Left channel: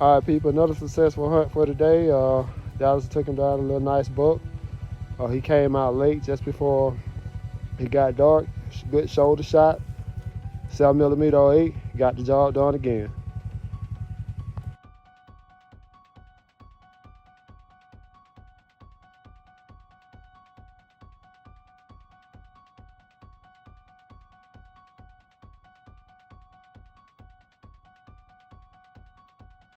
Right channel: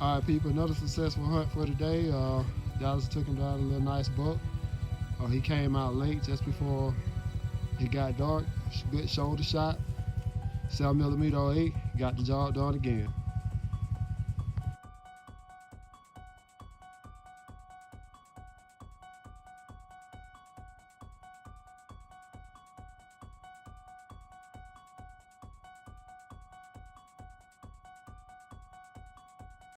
All right, people, another successful hunt for today. Dallas took him down a little nice buck. He came out late just before it got dark. Good shoulder shot, 7mm 08. Got the job done again.